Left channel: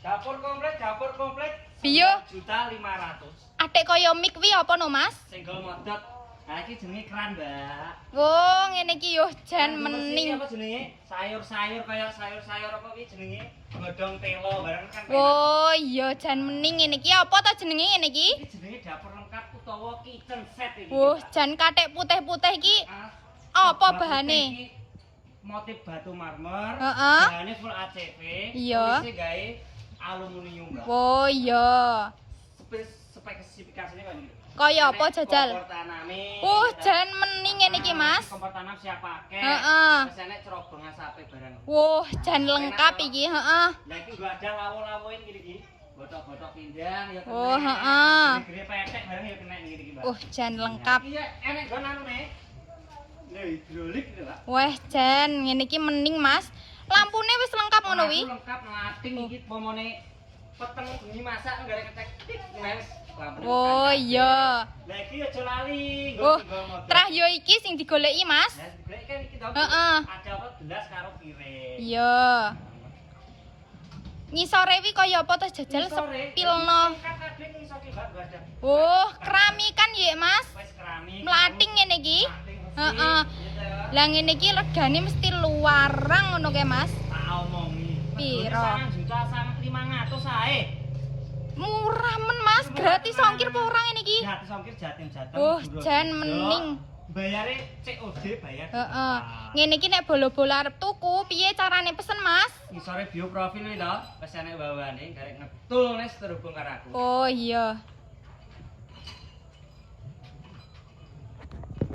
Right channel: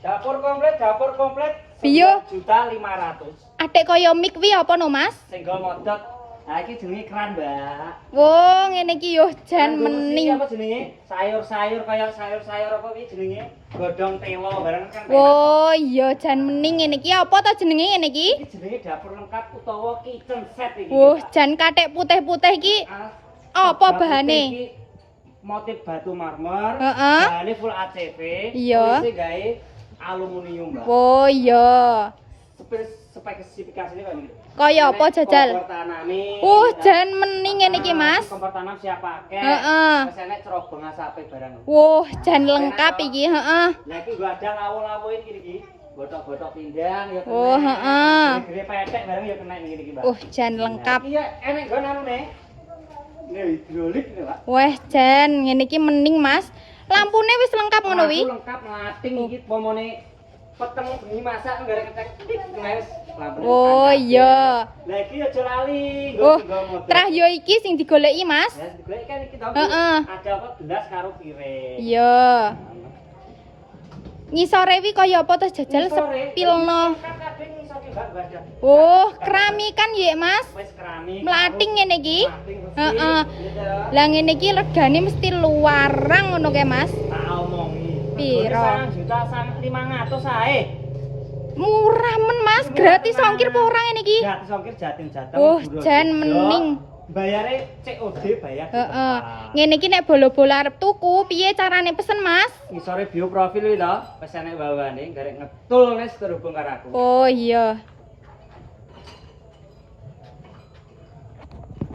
Dapur komplit. Biyo. 1.500.000. Atik kaya mik kuwi apa no, Mas? Senggol modot. Nah, iki jenenge keran, Mbak. Wong ngene iki yo jan Kan dulu sih mening. apa jenenge? Sayur-sayur kaya sayur-sayur apa kuwi jenenge? Godhong telo barang kan. Oh iya jan mening ngene iki apa ta jenenge ngene iki? Iki jenenge dapur lengkap utawa kitchen set iki. Wah, jan kathek putih-putih iki apa bahane? Iki motif batu marmer. Heeh. Bahane full ACV. Iya. Polisi gawe aluminium, Mbak. Oh iya. Spesifikasinya kok ini. Kaya apa jajal? Kompor taname. Jan mening ngene iki, Mas. Kompor tanam siap pakai. Heeh. Terus enek cerobong asape barang. Wah, jan lengkap iki, heeh. Lah iki gua ada lawo-lawoin iki. Botok-botok pindang ya kena. Oh, heeh. Gede petek barang ya kena ngene iki, Mbak. Jan lengkap. Iya, enek nggon anune. Ini hidrolik ini, Pak. Wah, jan ngene iki mening, Mas. Lampune wis lengkap ngono wi? Lengkap lating iki pomone peteng bengi masak nggare kecek tik nes. Oh iya. Lah iki aja lali, Oh, trah yo iki sing digoleki, Mas. Ya, digoleki kan iki to. Heeh. Ada apa gelas karo piring. Iya. Ngisore wi kaya apa to jajal sepilno. Kadang iso dibak-badak. Oh, keramikan ya, Mas. Wis keramik. Mlating ngene iki. Heeh. Heeh. Lah ngene iki regane mesti luarang ngono ke, Mas. Tak omongi. Piro? 1.500.000 ae. Murah men, Mas. Gratis ongkir apa ora ngene iki? Gratis ongkir Jatim-Jatim. Oh, jan mening. Bayare COD bayar. Heeh. Ngene iki nek bolo-bolo arep tuku, piye carane pesen, Mas? Ngisore bio profil iki lho, wis enek bawane garek ngetul nes terhubung karo aku. Oh iya.